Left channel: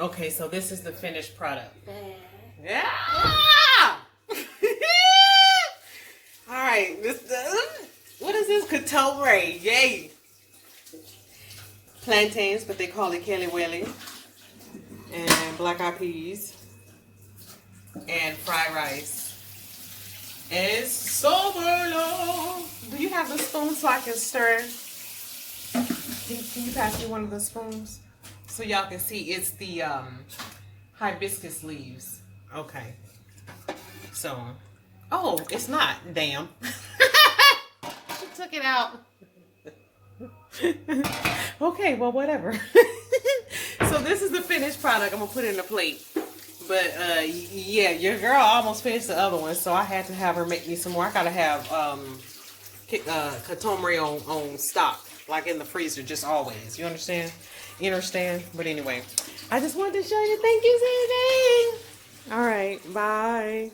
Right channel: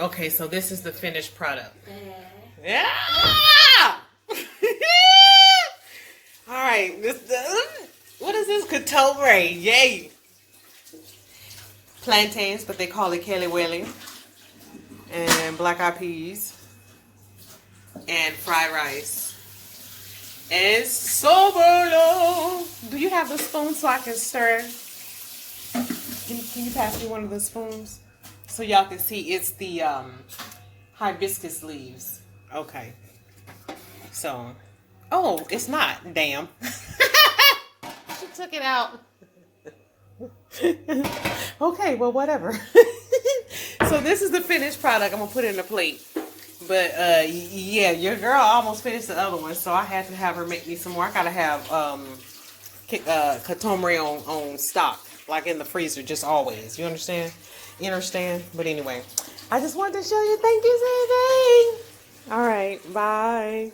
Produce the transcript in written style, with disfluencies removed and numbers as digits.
Okay, so this is the finished product. Yeah. All right. What is this? KaToMiRe. Yay. Plantains, but they call it KeLeWeLe. And black eyed peas. And fried rice. And SoBoLo. Do you have the spoon so I can stir? Can you pass me one of the spoons? So y'all can see it's the hibiscus leaves. Okay. So, oh, it's not. Damn. She took it out. Okay, well, whatever. So this is the finished product. I'm going to put it in the plate. But, yeah, your girl almost finished the other one, so I had to have her make me some more. I got to have KaToMiRe on stock, like in the freezer, just always. You understand? You understand? But anyway, I just wanted to show you. Thank you, Zay. All right, bye.